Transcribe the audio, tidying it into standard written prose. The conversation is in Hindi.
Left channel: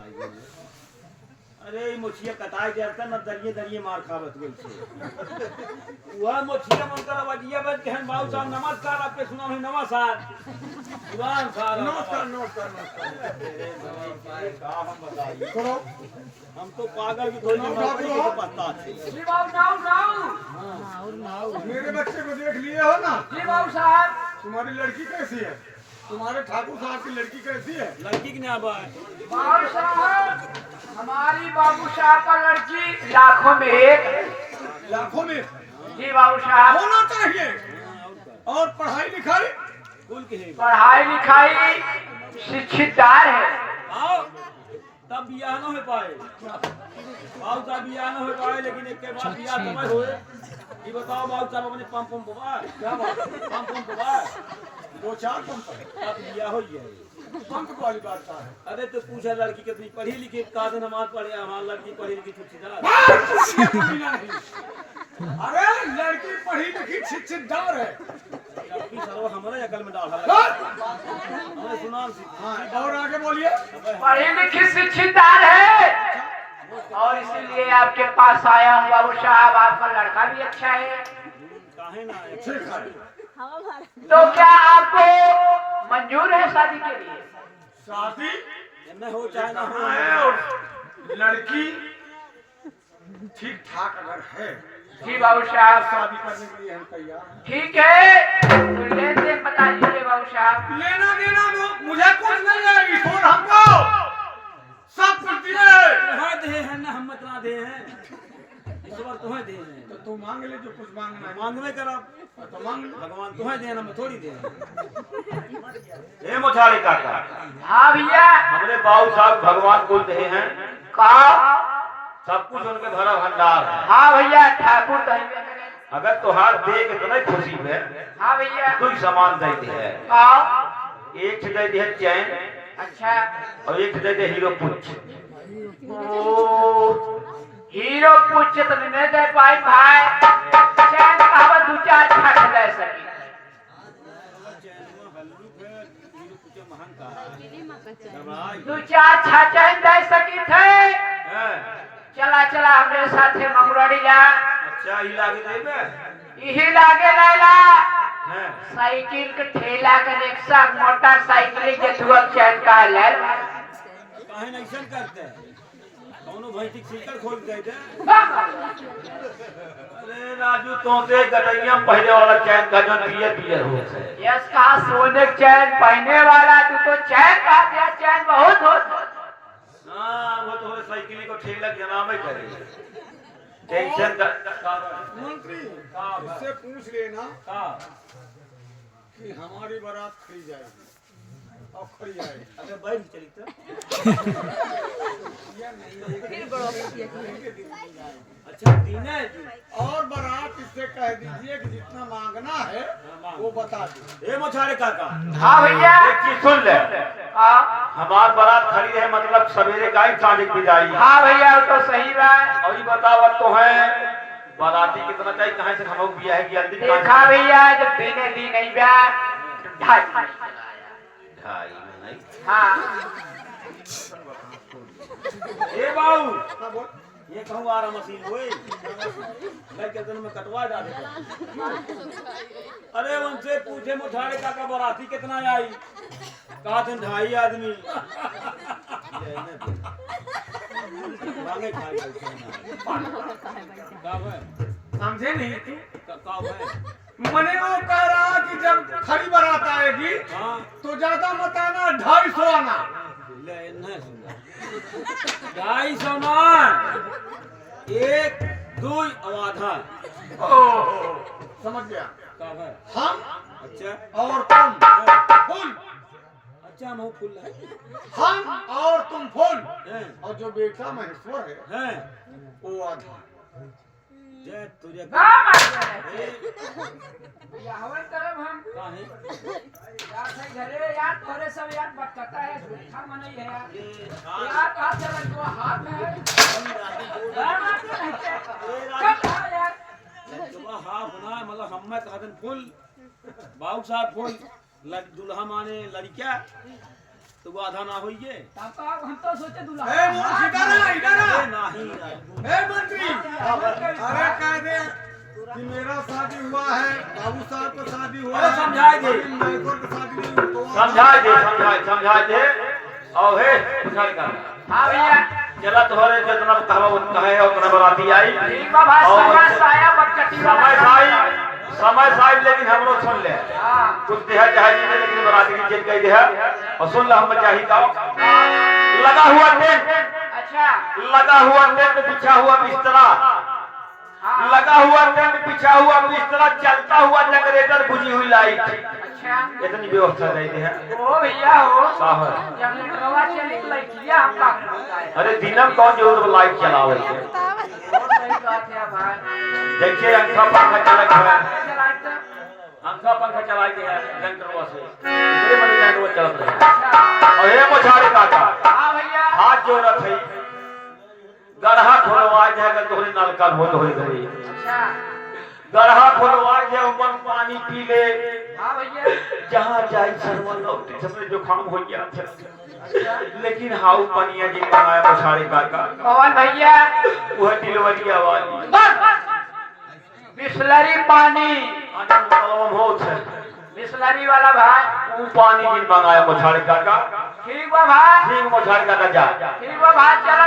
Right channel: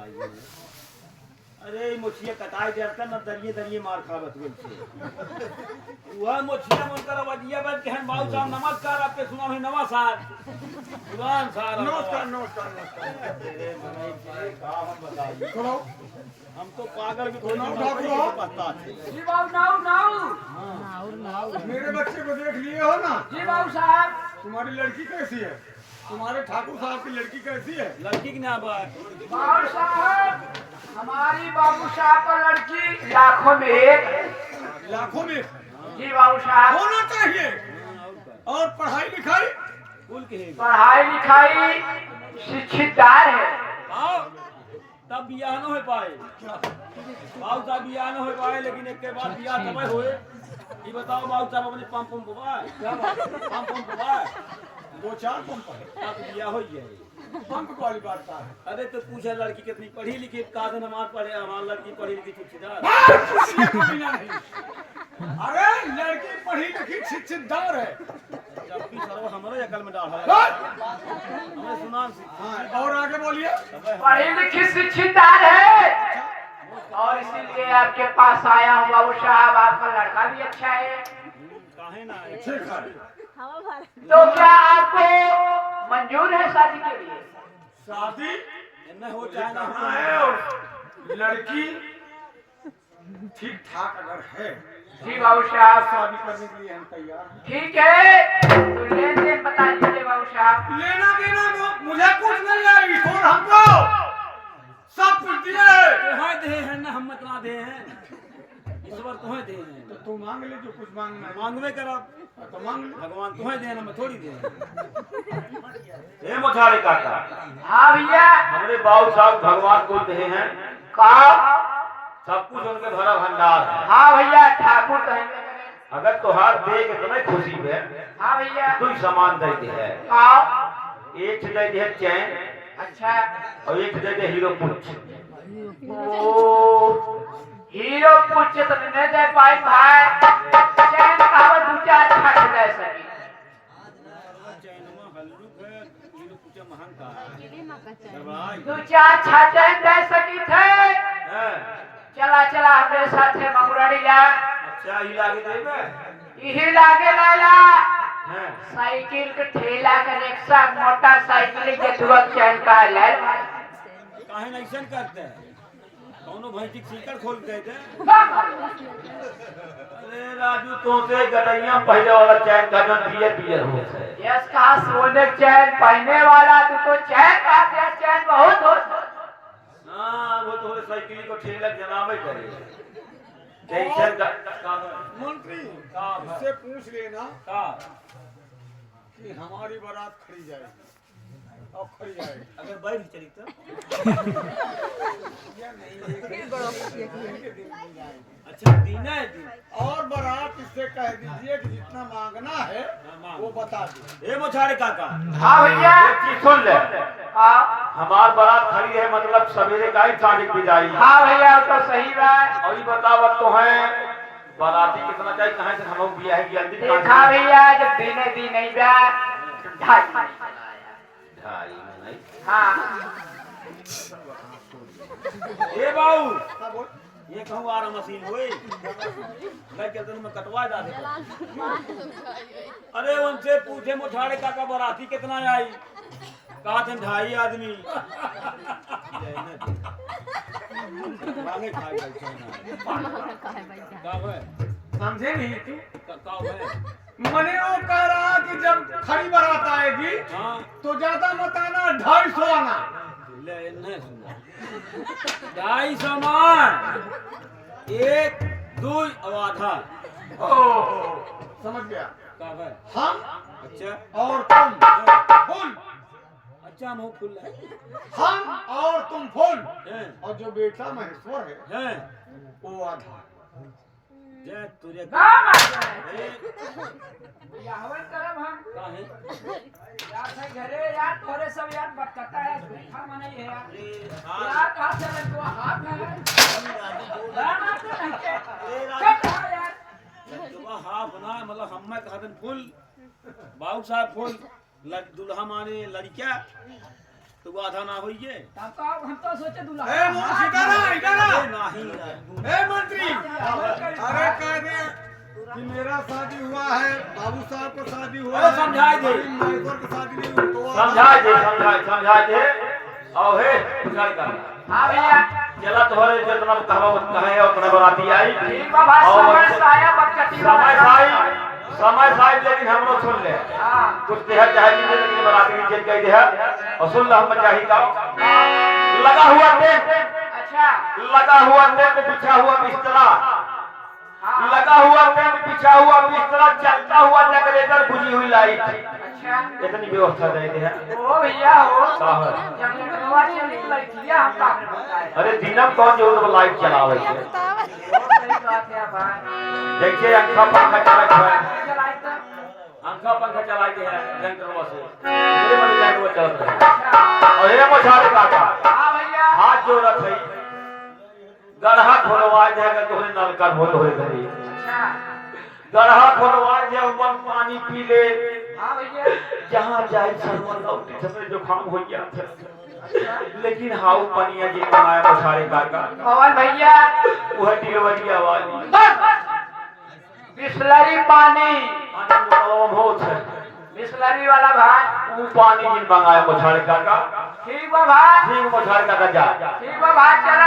अरे मोचिया कटाई देता न दरिये दरिये मार खावत बोल छे वह मोचिया मन कर वजिया बन के हम बाबू साहब नमस्कार आपके सुना है नमस्कार जुबान सार नमस्कार नमस्कार नमस्कार का हम बताइए करो हम तो पागल भी कोई नहीं पता है जी बाबू नाउ नाउ मेरे बच्चे को देख लिए हो ना। जी बाबू साहब तुम्हारी लड़की कैसी है? तुम्हारे ठाकुर साहब की लड़की कैसी है? लड़की की ना बात बाबू साहब हमारी बाबू साहब का लड़की लाखों में एक है। लाखों में जी बाबू साहब होना चाहिए। और पढ़ाई लिखाई कुल के है पढ़ाई लिखाई शिक्षितदार है। आओ तब बियाह न हो पाए बाबू साहब बियाह न हो पाए लेकिन एक के बाद बियाह समय होए ये बताओ बाबू साहब अपने पंप पवा क्या बात पंप पवा 2-4 पंप है। तब बियाह हो जाए पंप वाली बात का है। अरे तो पूछा लड़की कितनी पढ़ी लिखी कादन हमार पढ़े हमार लड़की पढ़ी लिखी छुट्टीदार अरे लड़की पढ़ी लिखी शिक्षितदार है। हमारे अकल में डाल हमें सुना हाँ, और आगे बोलिए। पढ़ी लिखी शिक्षितदार है और इसीलिए आपके पास आया हूँ बाबू साहब। आपका लड़का भी अच्छा है काहे ना ठीक है। तो क्या आपको मंजूर है शादी के लिए? शादी न हो चाहे ना हो लड़की ठीक ठाक अगर है जी बाबू साहब शादी करने के लिए हम तैयार हैं। ठीक है तो लेन देन बता दीजिए बाबू साहब। लेना देना तो मुझे कुछ नहीं है, ईश्वर हमको सब कुछ दिया है। तुम्हें दे हैं ना हम इतना दे हैं ईश्वर तुम्हें दे हैं तो तू मांग ले जो कुछ मांगना है। मांगवे करब तो मांग ले। भगवान तुम्हें देना मैं थोड़ी दे हे मथारी काका हाँ भैया हमारे बाबू साहब भगवान को दे हैं कहा सब कुछ उनके भरा भंडार है हाँ भैया ठाकुर कहेंगे। अगर तोहार दे के तुम्हें खुशी है हाँ भैया तो सामान दे दे है हाँ एक दे दे चैन अच्छा और एक दे दे हीरो पुछ ओ हीरो पूछे तो नहीं दे पाए भाई चैन कहावत दो चार छठ दे सकी दो चार छठ चैन दे सकी थे। चला चला हमरे साथे मंगरड़ी जा अच्छा ही लागे देबे यही लागे लैला हैं साइकिल के ठेला के रिक्शा मोटरसाइकिल के दुआ चैन का ले काहे नहीं ऐसा करते कौनो भैंसी सीकर खोल के दे अरे राजू तोते गटैया पहले वाला चैन का जो पियर पियर हो यस का सोने चैन पहने वाला तू तो चैन का दिया चैन बहुत हो हां वो तो साइकिल को ठेला जनावे करे टेंशन का मंत्री का इससे पूछ लेना का कि हमारी बारात खड़ी जाएगी और खड़ी जाएगी। अगर बैठ चली तो या नहीं अच्छा दिन है दिन और बारात इससे कह दीजिए कि जितना मांगना है वो बता दे। ए मोछारे काका हाँ भैया एक चीज सुन ले हाँ हमार बारात खड़ी है मतलब सवेरे का ही साढ़े की जाई हाँ भैया तो सही बात और ये बतावत तो है बाराती कितना चाहिए कहां से हम लोग बियाह है जल्दी देखा भैया जब दिने दिन नहीं बा ढाई ढाई में नहीं हाँ ए बाऊ हाँ बोल। ये कहूँ आ रहा मशीन हुई मैं कहते में कटवा जा दे अरे उनसे पूछे मोछाड़े काका बाराती कितना आई कहा थे 2.5 आदमी मांगे खाए बैठे ना कब है समझे नहीं तू? कब है मैंने वो कह रहा कि जब खड़ी बारात आएगी हाँ तो ज्यादा मत आना 250 आना। ले न सुन 250 मान 1 2 आधा समझ गया। कब है हम अच्छा और तुम फुल, अच्छा हम फुल है हम और तुम फुल, हैं और जो बेटा महेश्वर है हैं वो आधा। जय तुझे भैया हवन करब हम काहे यार भाई घरे यार थोड़े सब यार बटकता है देखा मन ही है यार हाँ यार कहाँ चलन जो हाथ में है धर्म आपको नहीं के कब कहा यार सुबह हाफ ना मतलब हम कहा दिन फुल बाबू साहब फुल दुल्हा माने लड़किया तो वो आधा ना होइए तब तो हम तो सोचे दूल्हा ए मोर इधर आ इधर आ नहीं ए मंत्री अरे कह दे कि मेरा शादी हुआ है, बाबू साहब का शादी हुआ अरे है, समझाए दे। माइकोर का शादी नहीं हुआ तो समझा दे और हे बुझाई का हाँ भैया जला तोहरे जितना कहा उतना है और उतना बराती आई ठीक है भाई समय साया बकचटी समय साहब लेकिन हमरो सुन ले हाँ कुछ देह चाहे नहीं लेकिन बराती की जेल कह दे और सुन ला हम चाहिए का लगा हुआ टेंट अच्छा लगा हुआ टेंट बिछा हुआ बिस्तरा लगा हुआ टेंट बिछा हुआ बिस्तरा चलता हुआ जनरेटर बुझी हुई लाइट अच्छा इतनी व्यवस्था दे दे है ओ भैया हो बाहर जनरेटरवा से निकल किया हम काम बताए अरे दिनम कौन जो लाइट चलावे के बहुत सही बात है भाई देखिए अंखा पंखा चला हुआ है चलाए तो अंखा पंखा चला के है रंगरवा से इतने बड़े रंगरवा चलते हैं और ये मछारे काका हाँ भैया हाथ जोड़त है गढ़ा खोलवा जाएगा तो नलका बोल हो गई अच्छा गढ़ा खोलवा जाए मन पानी पी ले हाँ भैया जहां जाए सर्वन लौटे सबसे जो काम हो गया था लेकिन हाउ पनिया जी कमाए मछारे काका पवन भैया वह डिलवरिया वाली बिस्लरी पानी आनंद कलम होत है बिस्लरी वाला भाई वो पानी जिन मंगाया मछारे काका ठीक है भाई ठीक मछारे काका जा ठीक है भाई चला